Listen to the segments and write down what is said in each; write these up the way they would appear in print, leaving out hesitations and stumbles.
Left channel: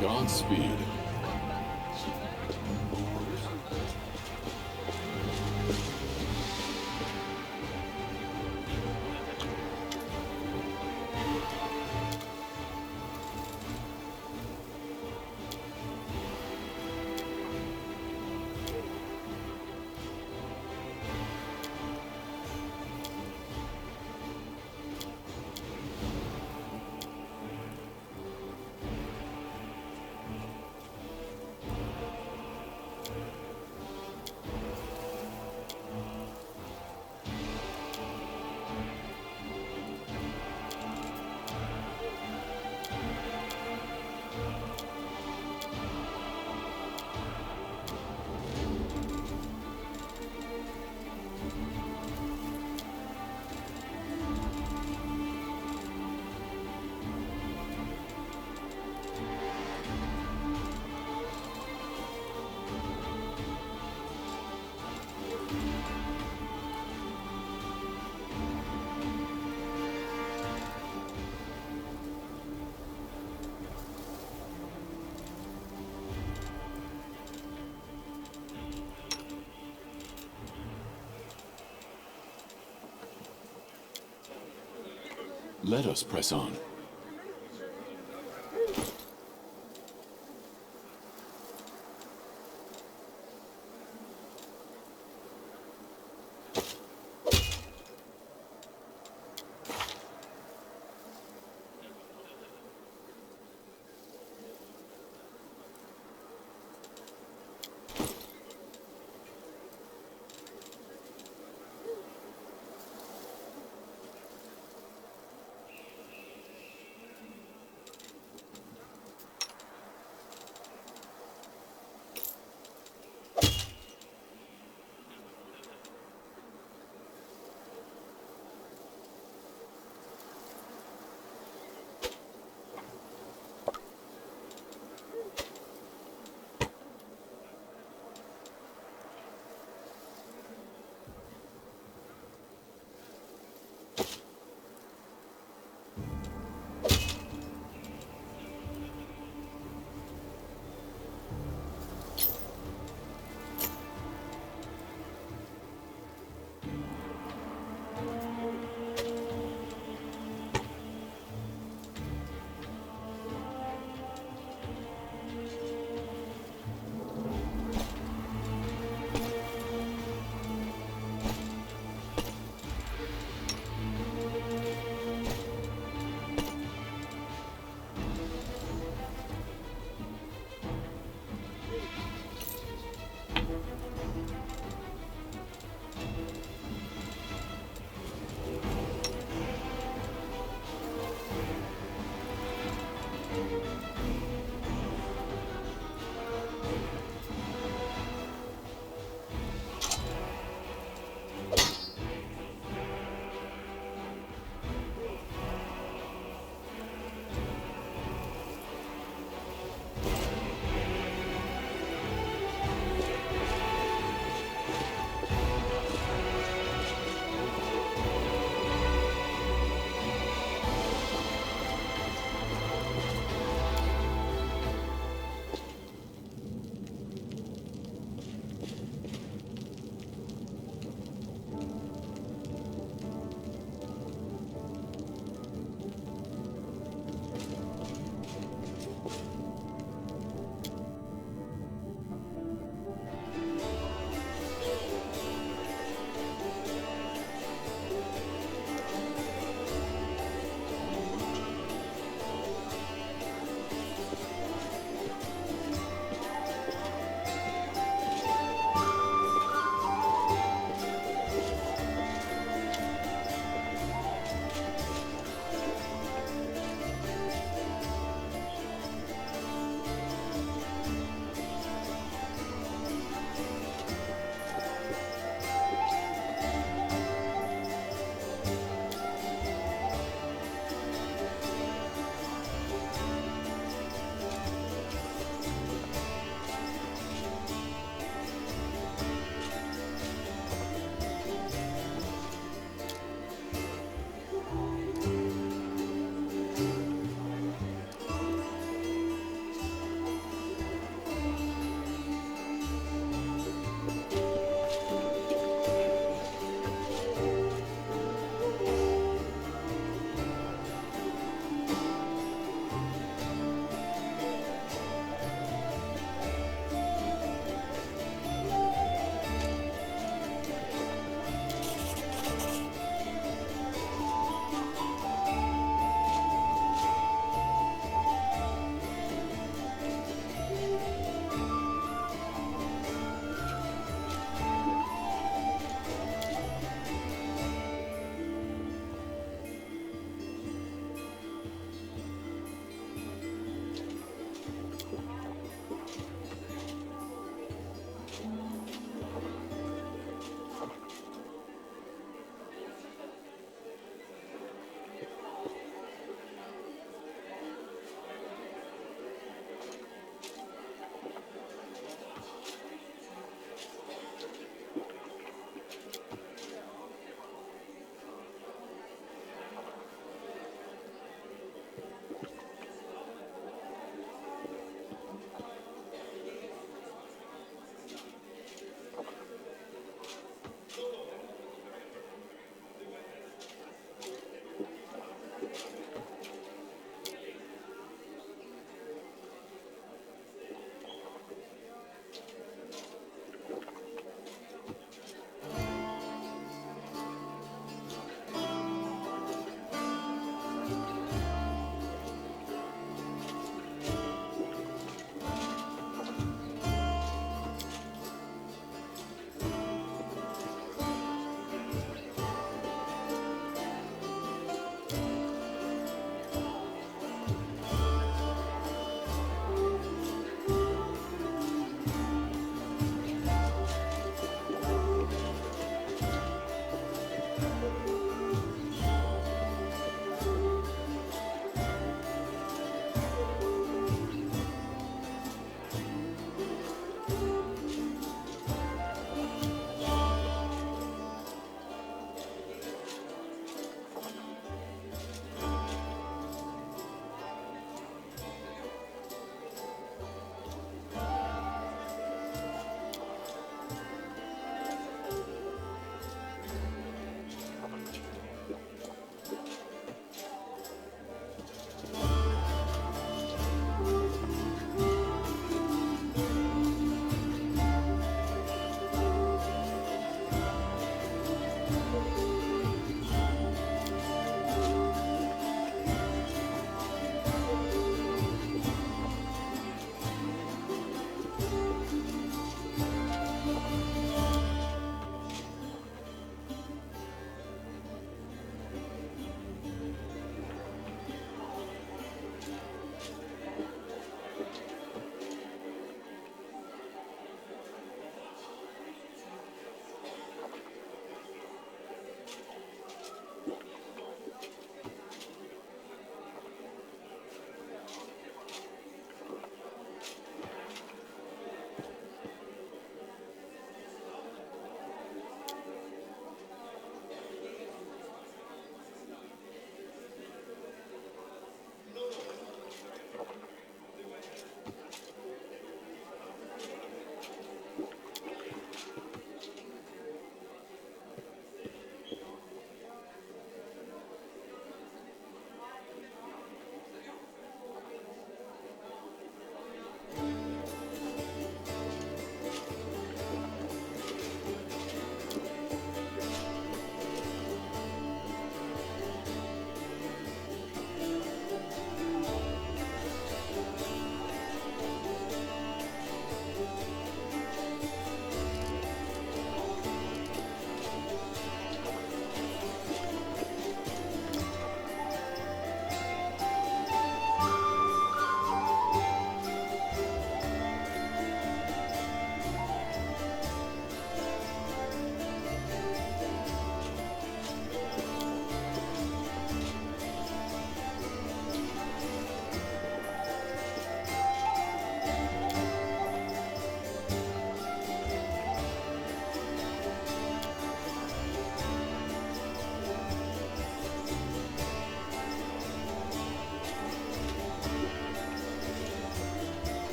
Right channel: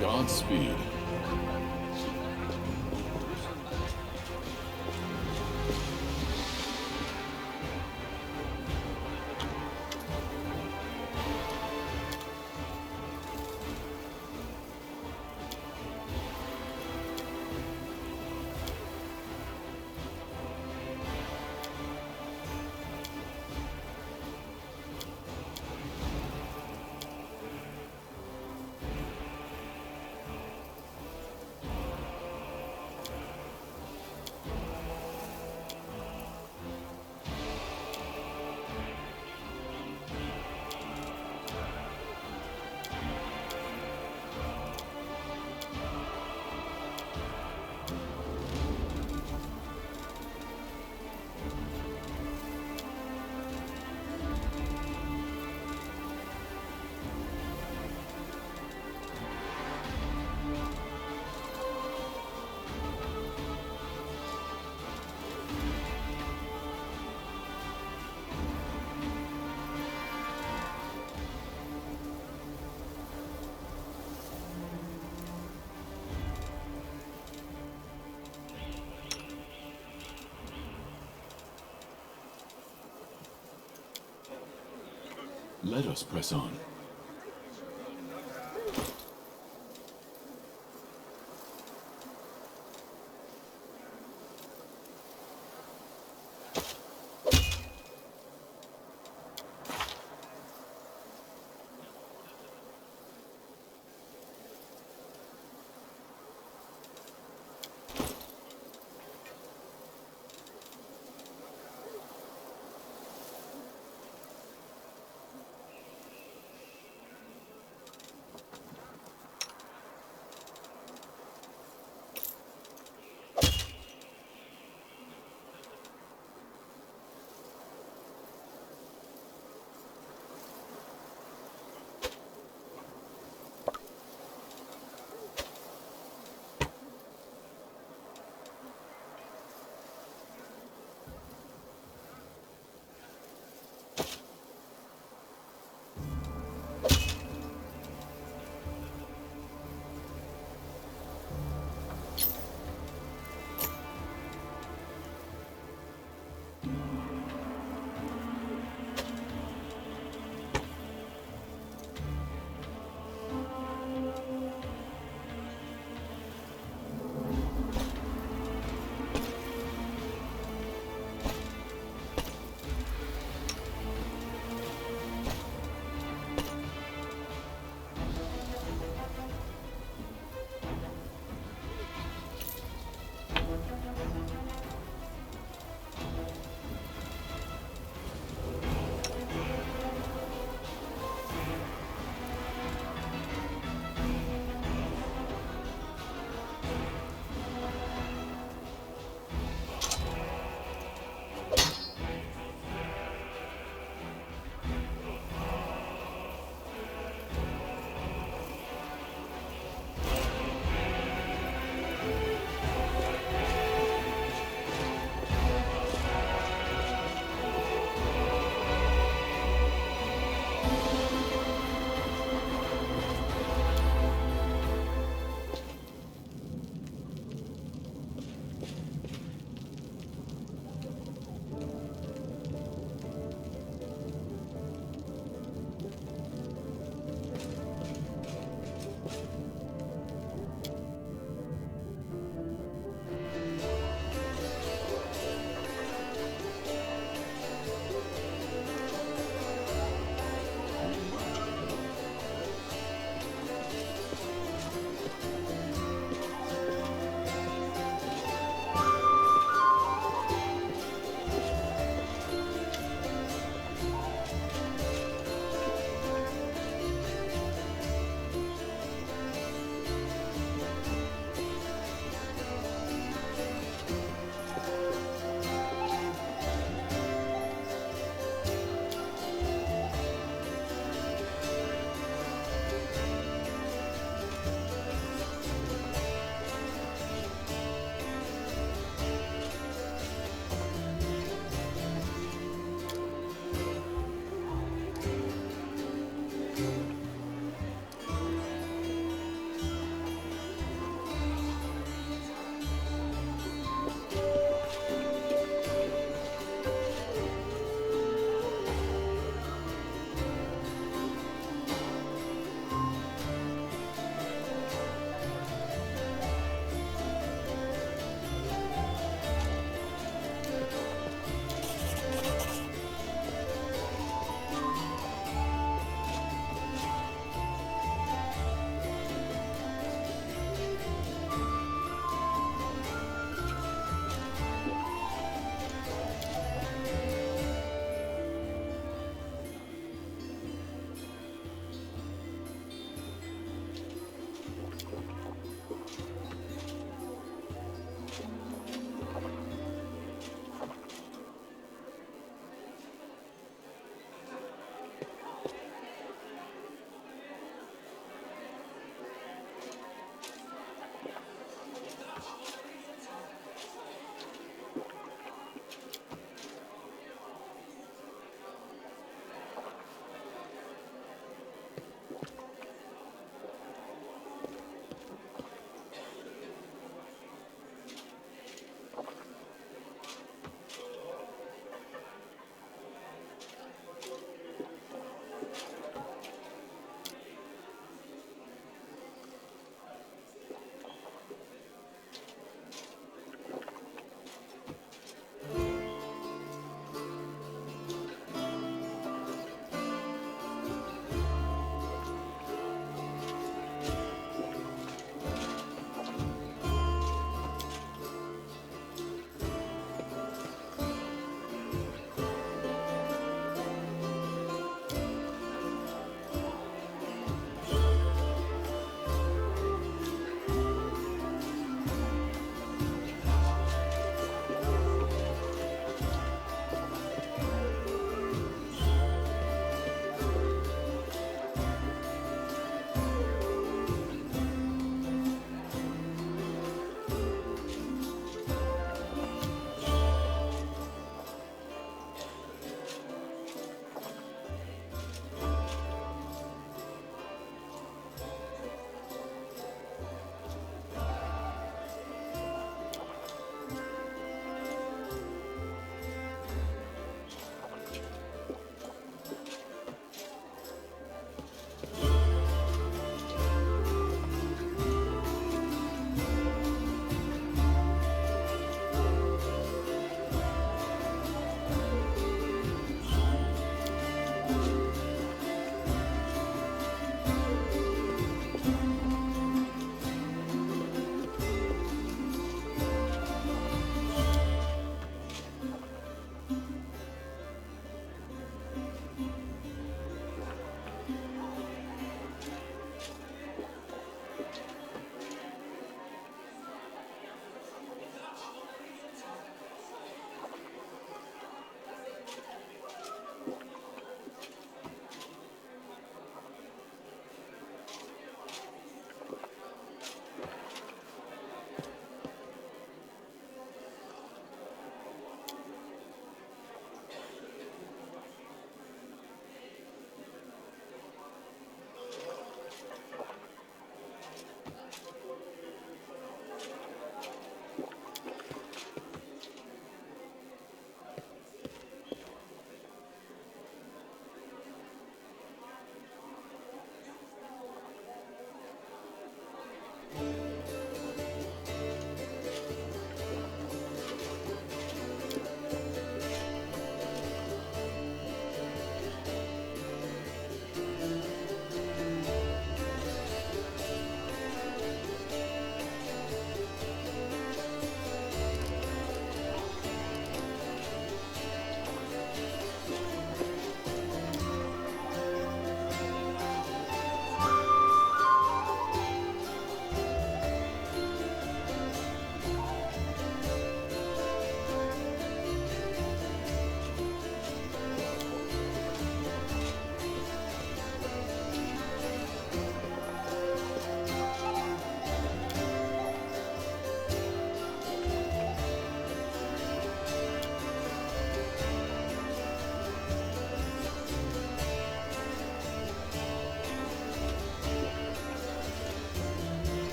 Godspeed. Let us press on.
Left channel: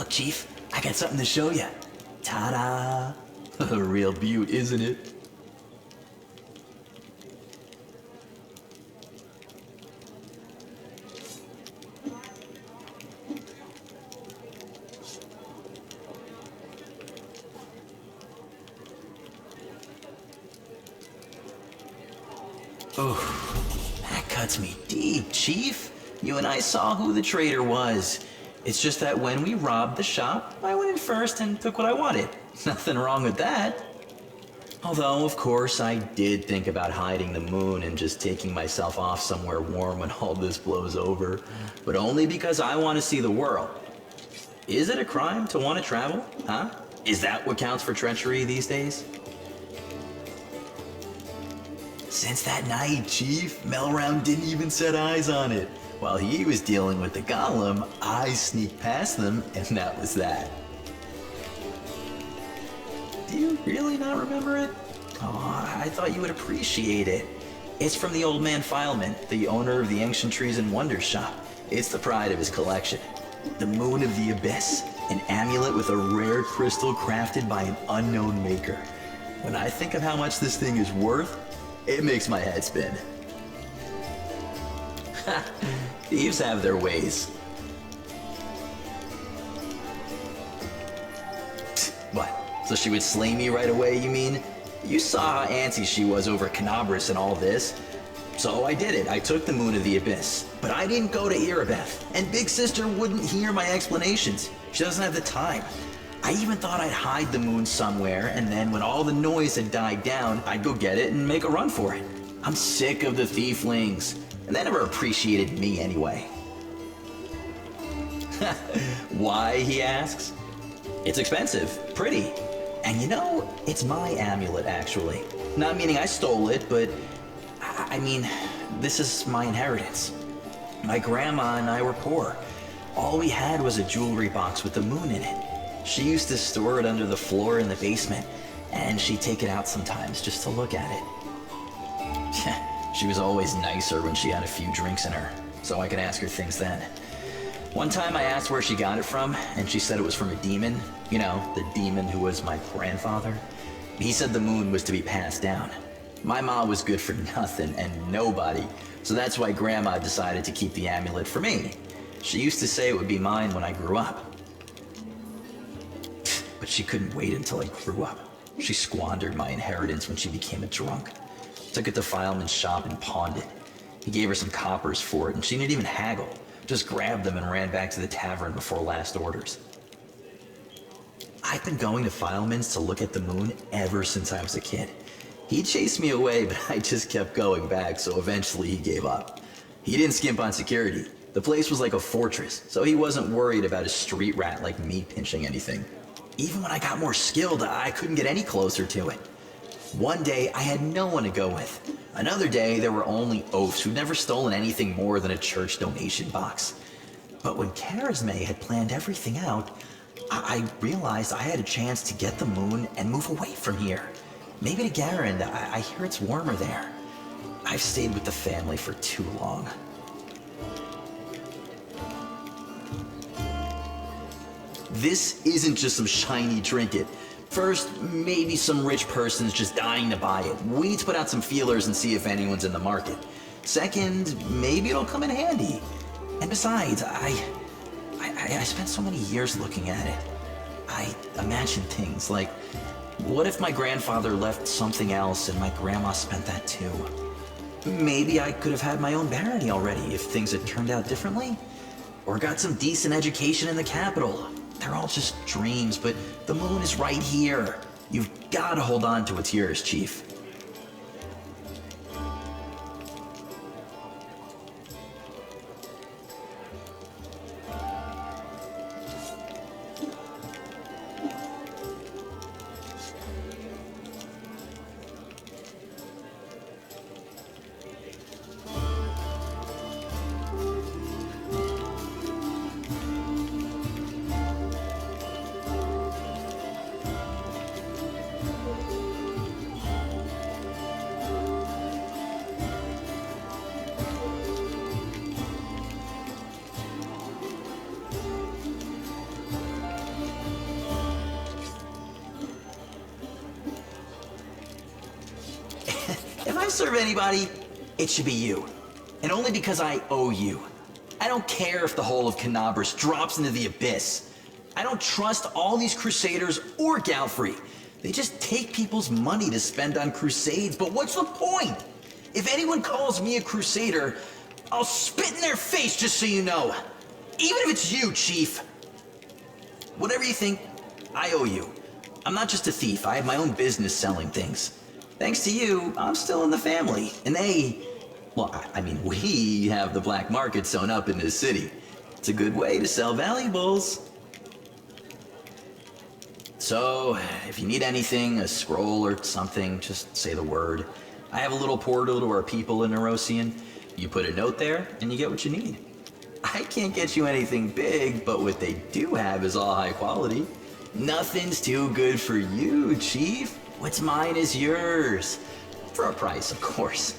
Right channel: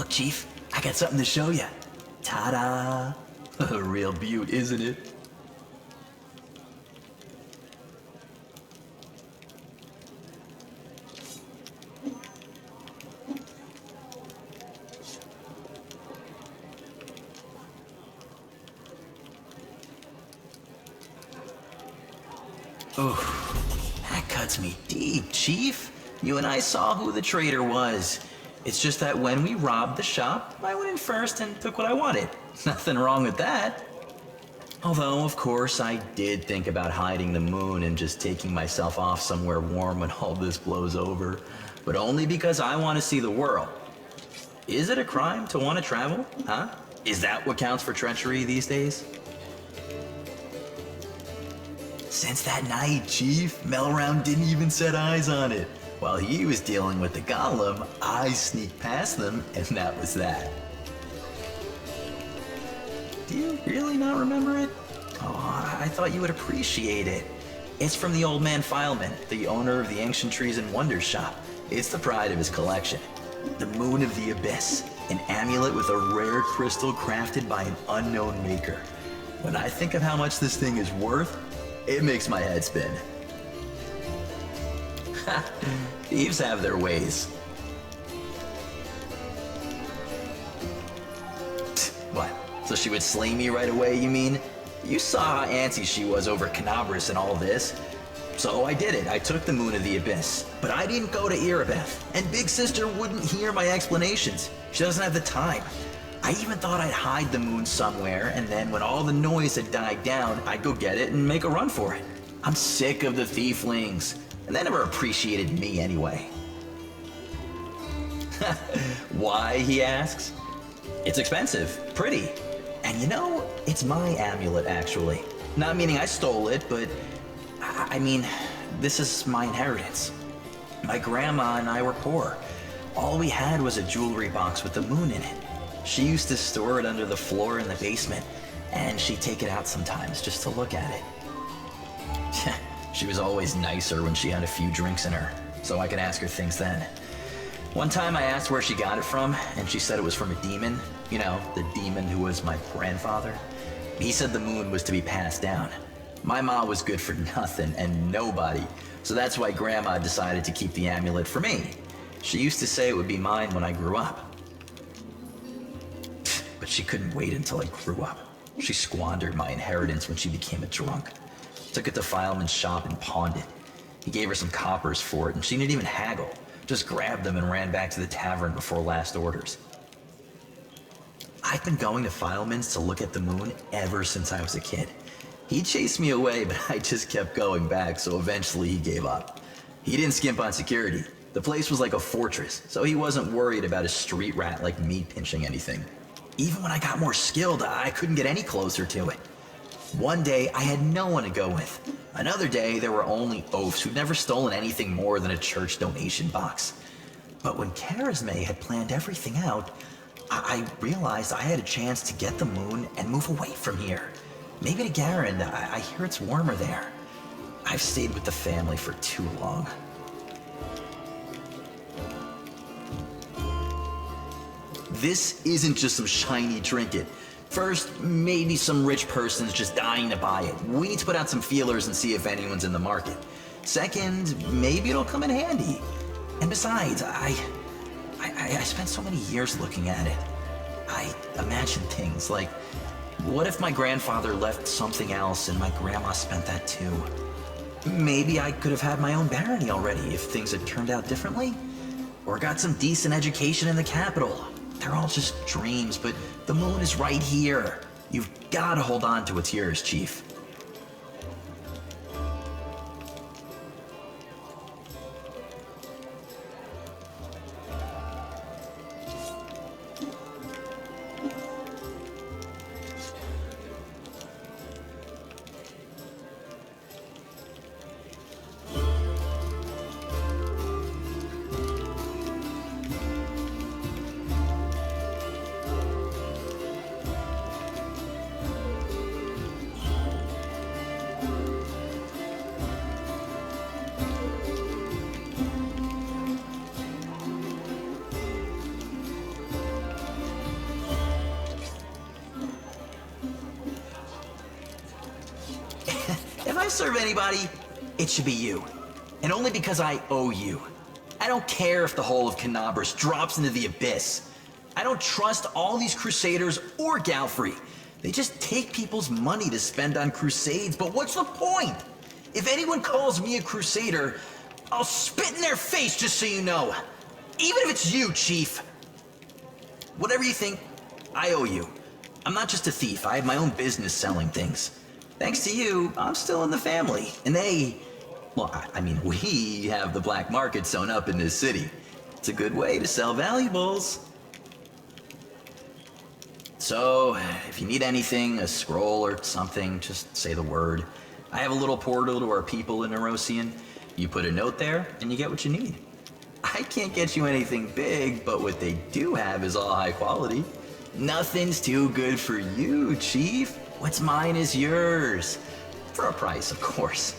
Look, Chief, I got something to show you. Ta-da! A real beaut, isn't it? Oof, that cuts me deep, Chief. You and I saw who the traitor was. It's just that when we robbed the shop, I went in first and took what I wanted. Nothing wrong with that. Although, of course, I did think about hiding the moon and just taking myself off somewhere warm when all this blows over. But only because I want to see the world. Is it a crime to want to travel? Huh? Is that what counts for treachery these days? Since that night, Chief, Melround didn't even set eyes on it. While he was dealing with the golem, I sneaked past them, and that was that. Do you really not remember it? Oh, I thought you would appreciate it. It's from the old man Fileman, the owner of the Ancient Trees and Wonders shop. It's the pride of his collection. The Moon of the Abyss, an amulet with a rare crystal crafted by an unknown maker. When I think of how much this thing is worth, it makes my head spin. Thieves have their ways. What? So she would slay me right away, you mean? You saw how antsy she was over Canabras and all this. So I did it. I took the Moon of the Abyss. But I didn't go to Erebeth. And Big Sister wouldn't hear my explanations. She doesn't have the time. I even thought I'd hide the moon somewhere, and then when all the noise had died down, I'd go get it and make a run for it. I'm sick of the thieflings. And they never appreciated me anyway. Why, he asks? It's expensive, pretty. And you know, it's my amulet, actually. Not meaning I stole it, but I mean, this is my inheritance. My grandma and I were poor. All we had was a jewelry box with the moon in it. She used to store it under the floor in the basement, and she'd take it out sometimes just to look at it. She was always nicer when she had a few drinks in her, so I could ask her things then. One time I asked where she got it from, and she said it was from a demon. You know, the demon who was my grandfather. He said the moon was to be passed down. My ma was good for nothing and nobody, so that's why Grandma decided to keep the amulet for me. She used to say it would be mine when I grew up. But she couldn't wait until I grew up. She squandered my inheritance when she became a drunk. Took it to Fileman's shop and pawned it. He gave her some coppers for it, and she didn't even haggle. Just grabbed them and ran back to the tavern before last orders. I've been going to Fileman's to look at the moon ever since I was a kid. He chased me away, but I just kept going back, so eventually he gave up. He didn't skimp on security. The place was like a fortress, so he wasn't worried about a street rat like me pinching anything. Even when I got more skilled, I couldn't get any closer to it. One day, I had no one to go with. Another day, there were only oafs who'd never stolen anything more than a church donation box. But when Charisme had planned everything out, I realized I had a chance to get the moon and move away from here. Maybe to Garen. I hear it's warmer there. I've stayed with the family for too long. This isn't just some shiny trinket. First, maybe some rich person's just dying to buy it. We need to put out some feelers and see if anyone's in the market. Second, maybe it'll come in handy. And besides, I spent so many years looking at it. I imagine things like, what if my grandfather left something else and my grandma spent that too? Maybe I could have had my own barony already if things had turned out differently. Or got some decent education in the capital. They're all just dreams, but the moon is right here. You've got to hold on to what's yours, Chief. gonna serve anybody, it should be you. And only because I owe you. I don't care if the whole of Canabras drops into the abyss. I don't trust all these crusaders or Galfrey. They just take people's money to spend on crusades, but what's the point? If anyone calls me a crusader, I'll spit in their face just so you know. Even if it's you, Chief. Whatever you think, I owe you. I'm not just a thief, I have my own business selling things. Thanks to you, I'm still in the family, and we have the black market sewn up in this city. It's a good way to sell valuables. So, if you need anything, a scroll or something, just say the word. I have a little portal to our people in Nerosian. You put a note there, and you get what you need. I can't get you anything big, but what they do have is all high quality. Nothing's too good for you, Chief. What's mine is yours. For a price, of course.